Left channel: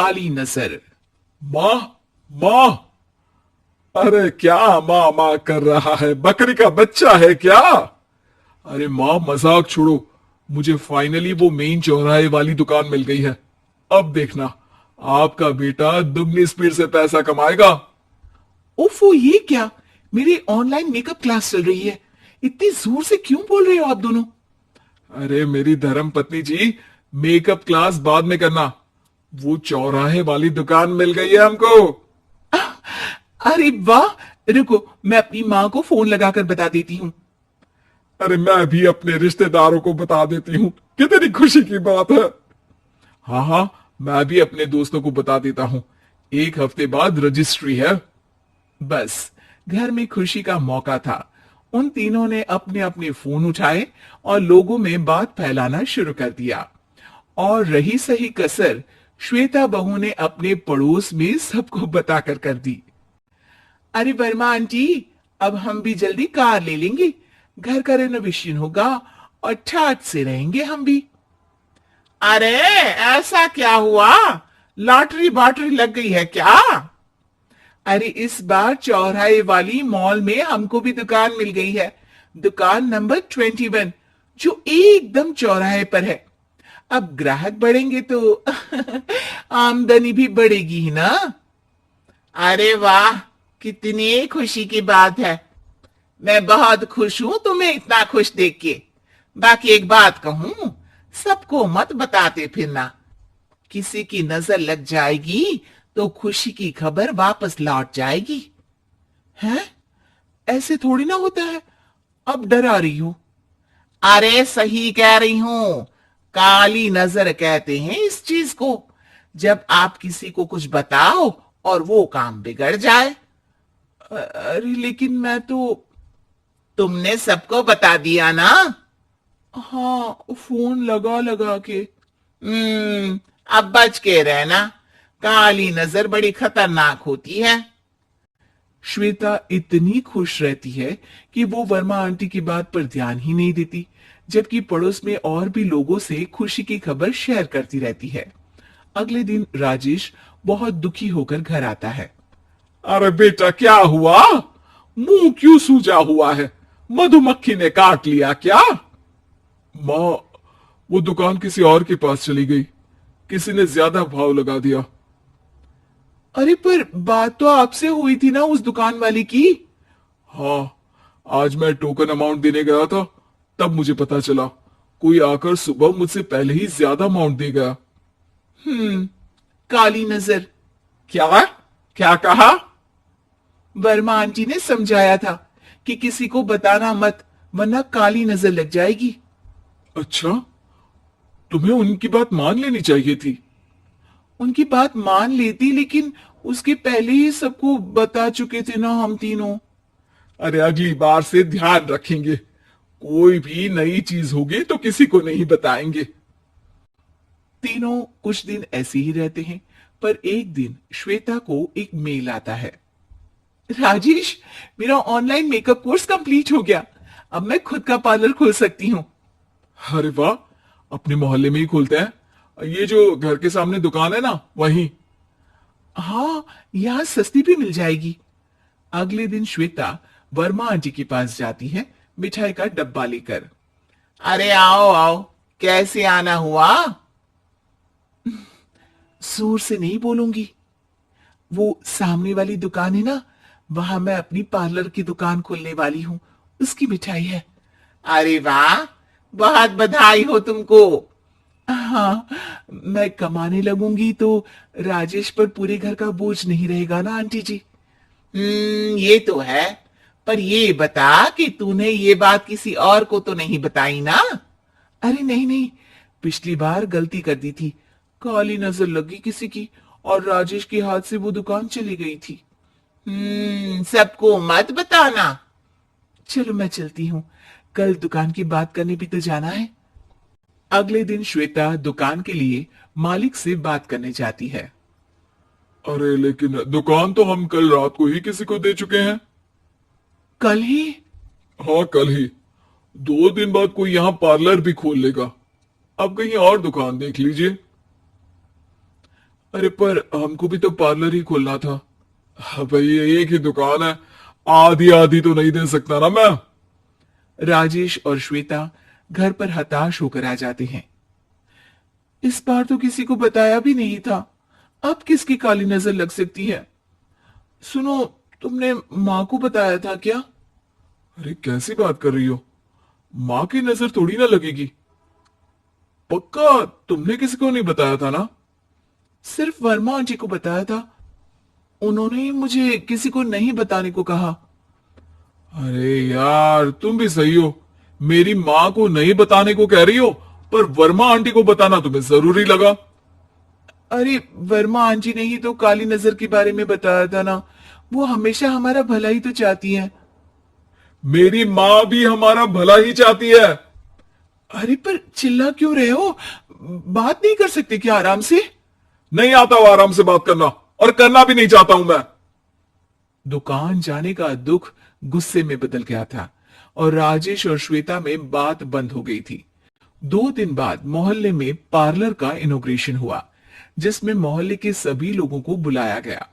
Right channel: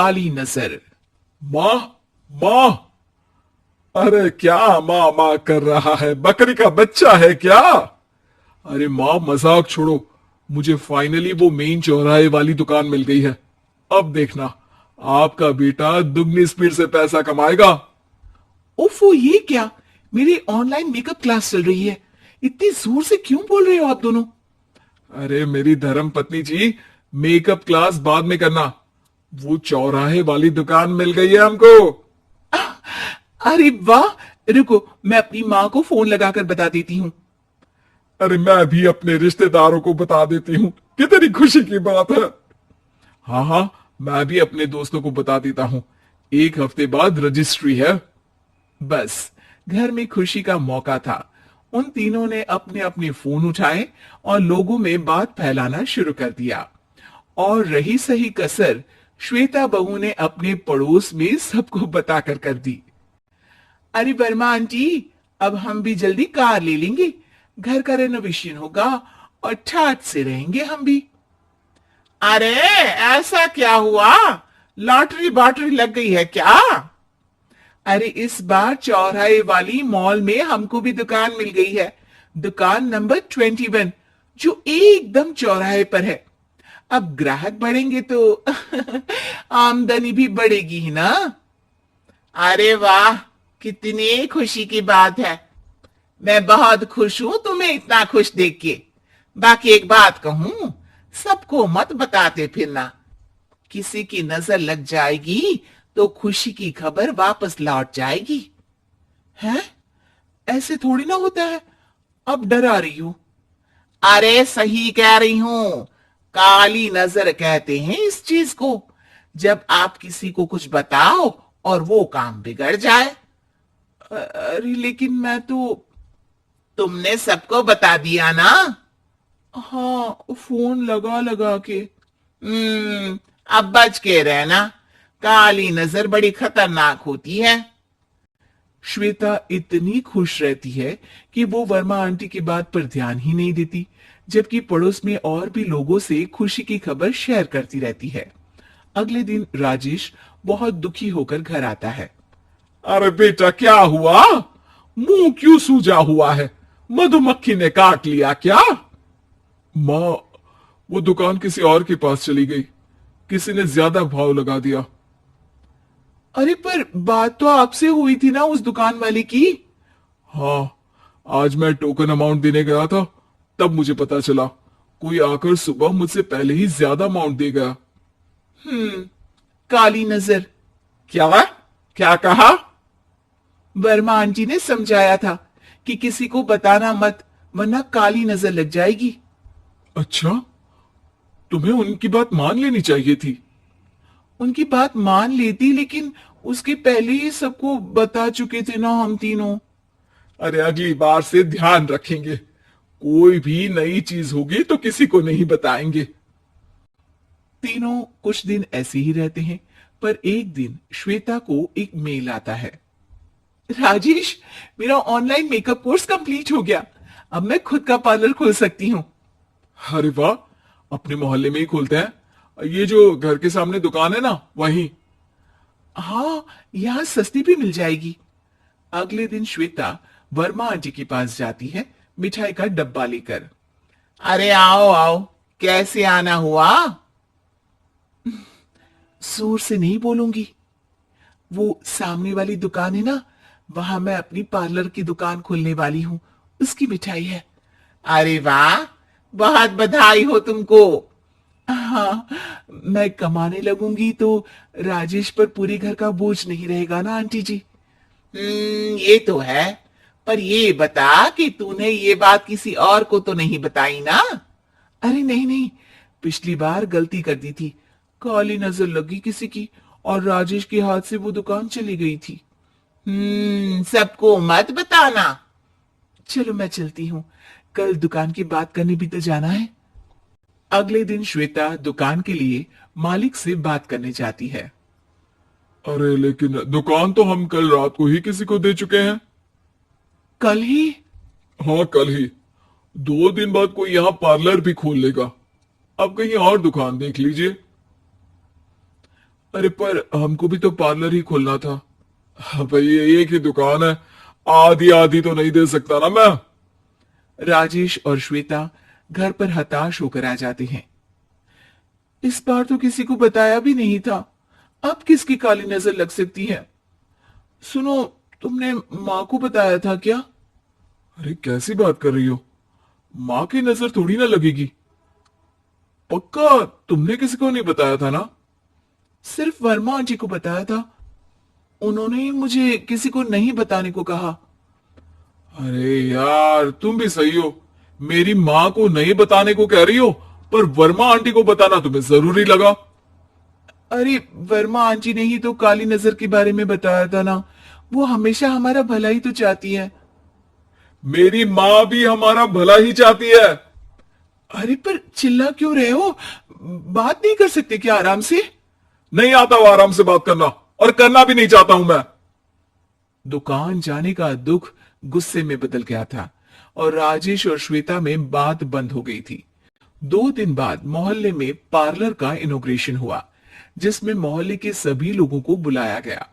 काली नजर। माँ, माँ, अरे क्या माँ माँ कर रहा है? बकरी का बच्चा है क्या? अरे माँ, मजाक छोड़ो। मुझे फाइनली वो मेन चौराहे वाली दुकान मिल गई है। अब देखना, आपका बेटा दुगनी स्पीड से पैसा कमाएगा। ओफो, ये क्या? मेरी ऑनलाइन मेकअप क्लास चल रही है। इतनी जोर से क्यों बोल रहे हो आप दोनों? अरे मेरी धर्म पत्नी जी, मेकअप क्लास बाद में करना। वो चौराहे वाली दुकान मिल गई है हमको। अरे वाह! रुको, मैं अपनी माँ को फोन लगाकर बता देती हूँ। अरे मैं भी अपने रिश्तेदारों को बता देती हूँ। कितनी खुशी की बात है। हाँ हाँ, मैं भी अपने दोस्तों को बता देता हूँ। एक हफ्ते बाद रजिस्ट्री है। बस, घर में खुशी का मौका था। उन तीनों ने अपने अपने फोन उठाए और लोगों में बात फैलाना शुरू कर दिया। और रही सही कसर श्वेता बहू ने अपने पड़ोस में सबको बताकर कर दी। अरे वर्मा आंटी, अब हम भी जल्दी कार ले लेंगे। घर का रेनोवेशन होगा और ठाट से रहेंगे हम भी। अरे, ऐसा क्या हुआ? लॉटरी बाटरी लग गई है क्या? अरे, इस बार चौराहे वाली मॉल में हमको भी दुकान मिल गई है। दुकान नंबर 21, जो एकदम चौराहे पर है। अब ग्राहक बढ़ेंगे तो आमदनी भी बढ़ेगी ही ना। अरे वाह, कितनी खुशी की बात है। मैं बहुत खुश हूं तुम्हें इतना खुश देख के। बाकी एक बात कहूं, सबको मत बताते फिरना। किसी की नजर लग जाएगी तो खुशी की खबर वापस लौट जाएगी। हैं? ऐसे थोड़ी ना होता है। अब डरा रही हो। अरे सही कह रही हूं। काली नजर कहते हैं इस चीज को, जब आप किसी को कुछ बताओ और वो काम बिगड़ जाए। अरे लेकिन मैं तो। तुमने सबको बता दिया ना? हाँ, फोन लगा लगा के। अब बच के रहना। काली नजर बड़ी खतरनाक होती है। श्वेता इतनी खुश रहती है कि वो वर्मा आंटी की बात पर ध्यान ही नहीं देती, जबकि पड़ोस में और भी लोगों से खुशी की खबर शेयर करती रहती है। अगले दिन राजेश बहुत दुखी होकर घर आता है। अरे बेटा, क्या हुआ? मुंह क्यों सूजा हुआ है? मधुमक्खी ने काट लिया क्या? माँ, वो दुकान किसी और के पास चली गई। किसी ने ज्यादा भाव लगा दिया। अरे पर बात तो आपसे हुई थी ना उस दुकान वाले की। हाँ, आज मैं टोकन अमाउंट देने गया था, तब मुझे पता चला। कोई आकर सुबह मुझसे पहले ही ज्यादा अमाउंट दे गया। काली नजर। क्या? क्या कहा? वर्मा आंटी ने समझाया था कि किसी को बताना मत, वरना काली नजर लग जाएगी। अच्छा, तुम्हें उनकी बात मान लेनी चाहिए थी। उनकी बात मान लेती, लेकिन उसके पहले ही सबको बता चुके थे ना हम तीनों। अरे अगली बार से ध्यान रखेंगे। कोई भी नई चीज होगी तो किसी को नहीं बताएंगे। तीनों कुछ दिन ऐसे ही रहते हैं, पर एक दिन श्वेता को एक मेल आता है। राजेश, मेरा ऑनलाइन मेकअप कोर्स कंप्लीट हो गया। अब मैं खुद का पार्लर खोल सकती हूँ। अरे वाह, अपने मोहल्ले में ही खोलते हैं। ये जो घर के सामने दुकान है ना, वहीं। हाँ, यहाँ सस्ती भी मिल जाएगी। अगले दिन श्वेता वर्मा आंटी के पास जाती है, मिठाई का डब्बा लेकर। अरे आओ आओ, कैसे आना हुआ? जोर से नहीं बोलूंगी। वो सामने वाली दुकान है ना, वहां मैं अपनी पार्लर की दुकान खोलने वाली हूँ। उसकी मिठाई है। अरे वाह, बहुत बधाई हो तुमको। हाँ, मैं कमाने लगूंगी तो राजेश पर पूरे घर का बोझ नहीं रहेगा ना आंटी जी। ये तो है। पर ये बता कि तूने ये बात किसी और को तो नहीं बताई ना? अरे नहीं नहीं, पिछली बार गलती कर दी थी। काली नजर लगी किसी की और राजेश के हाथ से वो दुकान चली गई थी। सबको मत बताना। चलो मैं चलती हूँ, कल दुकान की बात करने भी तो जाना है। अगले दिन श्वेता दुकान के लिए मालिक से बात करने जाती है। अरे लेकिन दुकान तो हम कल रात को ही किसी को दे चुके हैं। कल ही? हाँ, कल ही। 2 दिन बाद कोई यहाँ पार्लर भी खोल लेगा। अब कहीं और दुकान देख लीजिए। अरे पर हमको भी तो पार्लर ही खोलना था। हाँ भाई, एक ही दुकान है, आधी आधी तो नहीं दे सकता ना मैं। राजेश और श्वेता घर पर हताश होकर आ जाते हैं। इस बार तो किसी को बताया भी नहीं था, अब किसकी काली नजर लग सकती है? सुनो, तुमने माँ को बताया था क्या? अरे कैसी बात कर रही हो, माँ की नजर थोड़ी ना लगेगी। पक्का तुमने किसी को नहीं बताया था ना? सिर्फ वर्मा आंटी को बताया था, उन्होंने मुझे किसी को नहीं बताने को कहा। अरे यार, तुम भी सही हो, मेरी माँ को नहीं बताने को कह रही हो, पर वर्मा आंटी को बताना तुम्हें जरूरी लगा। अरे वर्मा आंटी ने ही तो काली नजर के बारे में बताया था ना, वो हमेशा हमारा भला ही तो चाहती है। मेरी माँ भी हमारा भला ही चाहती है। अरे पर चिल्ला क्यों रहे हो? बात नहीं कर सकते क्या आराम से? नहीं आता वो आराम से बात करना, और करना भी नहीं चाहता हूं मैं। दुकान जाने का दुख गुस्से में बदल गया था और राजेश और श्वेता में बात बंद हो गई थी। 2 दिन बाद मोहल्ले में पार्लर का इनॉग्रेशन हुआ, जिसमें मोहल्ले के सभी लोगों को बुलाया गया,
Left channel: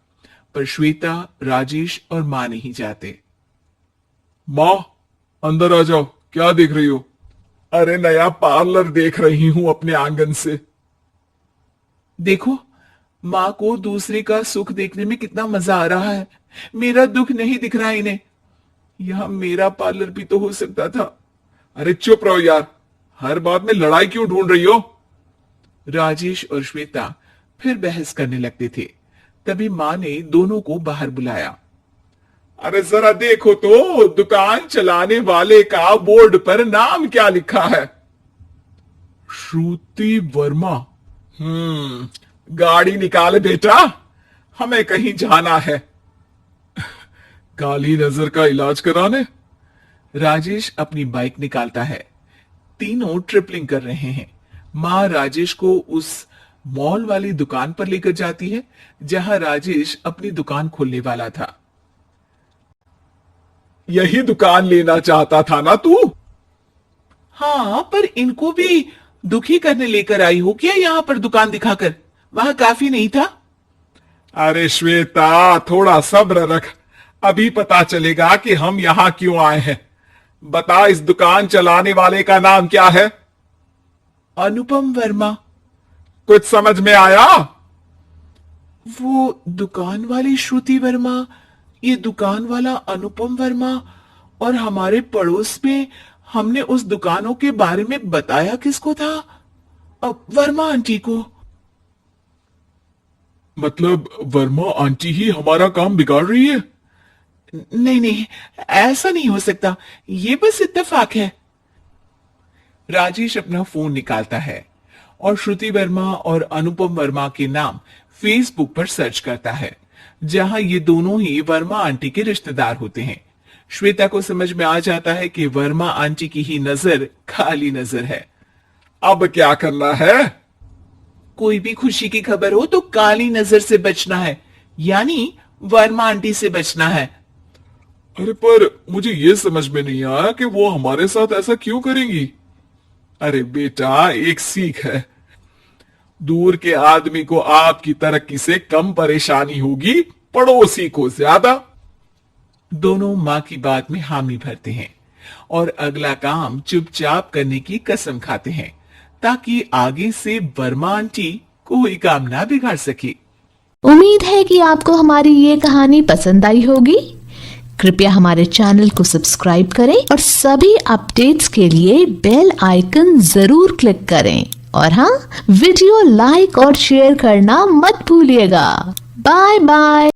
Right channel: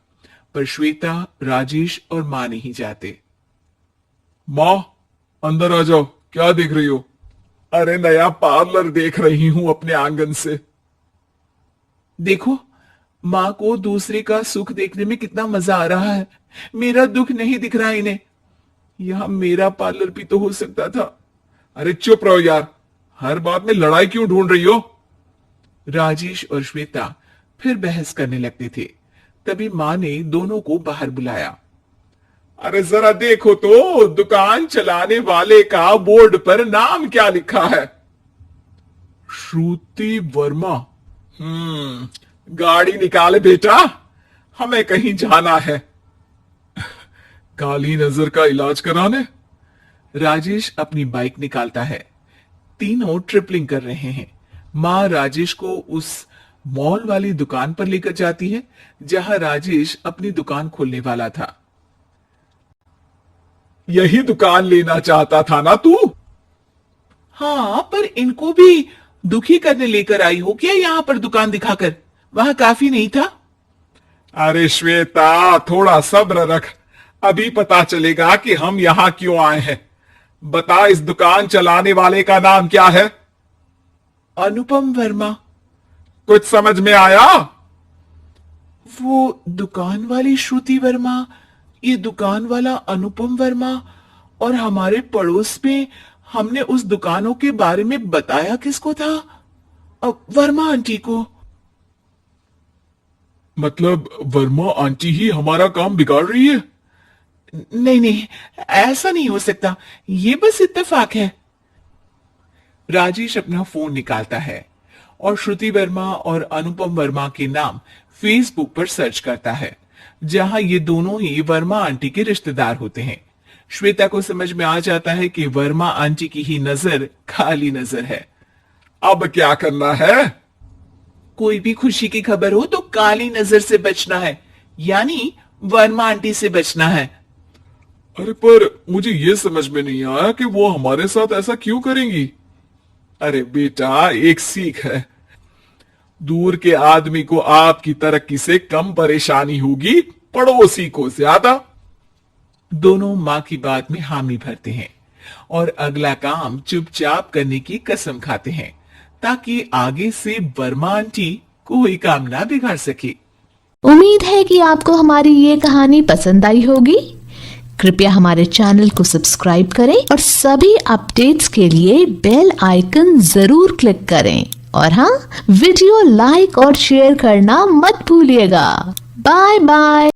पर श्वेता, राजेश और मां नहीं जाते। माँ, अंदर आ जाओ, क्या देख रही हो? अरे नया पार्लर देख रही हूं अपने आंगन से। देखो, माँ को दूसरे का सुख देखने में कितना मजा आ रहा है, मेरा दुख नहीं दिख रहा इन्हें। यहां मेरा पार्लर भी तो हो सकता था। अरे चुप रहो यार, हर बात में लड़ाई क्यों ढूंढ रही हो? राजेश और श्वेता फिर बहस करने लगते थे। तभी माँ ने दोनों को बाहर बुलाया। अरे जरा देखो तो, दुकान चलाने वाले का बोर्ड पर नाम क्या लिखा है? श्रुति वर्मा। गाड़ी निकाले बेटा, हमें कहीं जाना है। काली नजर का इलाज कराने? राजेश अपनी बाइक निकालता है। तीनों ट्रिपलिंग कर रहे हैं। माँ राजेश को उस मॉल वाली दुकान पर लेकर जाती है जहां राजेश अपनी दुकान खोलने वाला था। यही दुकान लेना चाहता था ना तू? हाँ, पर इनको भी दुखी करने लेकर आई हो क्या यहाँ पर दुकान दिखाकर? वहां काफी नहीं था? अरे श्वेता, थोड़ा सब्र रख, अभी पता चलेगा कि हम यहाँ क्यों आए हैं। बता, इस दुकान चलाने वाले का नाम क्या है? अनुपम वर्मा। कुछ समझ में आया? वो दुकान वाली श्रुति वर्मा, ये दुकान वाला अनुपम वर्मा, और हमारे पड़ोस में हमने उस दुकानों के बारे में बताया किसको था? वर्मा आंटी को। मतलब वर्मा आंटी ही हमारा काम बिगाड़ रही है? नहीं नहीं, ऐसा नहीं हो सकता, ये बस इत्तेफाक है। राजेश अपना फोन निकालता है और श्रुति वर्मा और अनुपम वर्मा के नाम फेसबुक पर सर्च करता है, जहां ये दोनों ही वर्मा आंटी के रिश्तेदार होते हैं। श्वेता को समझ में आ जाता है कि वर्मा आंटी की ही नजर काली नजर है। अब क्या करना है? कोई भी खुशी की खबर हो तो काली नजर से बचना है, यानी वर्मा आंटी से बचना है। अरे पर मुझे ये समझ में नहीं आया कि वो हमारे साथ ऐसा क्यों करेंगी। अरे बेटा, एक सीख है, दूर के आदमी को आपकी तरक्की से कम परेशानी होगी, पड़ोसी को ज्यादा। दोनों माँ की बात में हामी भरते हैं और अगला काम चुपचाप करने की कसम खाते हैं, ताकि आगे से वर्मा आंटी कोई काम ना बिगाड़ सके। उम्मीद है कि आपको हमारी ये कहानी पसंद आई होगी। कृपया हमारे चैनल को सब्सक्राइब करें और सभी अपडेट्स के लिए बेल आइकन जरूर क्लिक करें। और हाँ, वीडियो लाइक और शेयर करना मत भूलिएगा। Bye bye.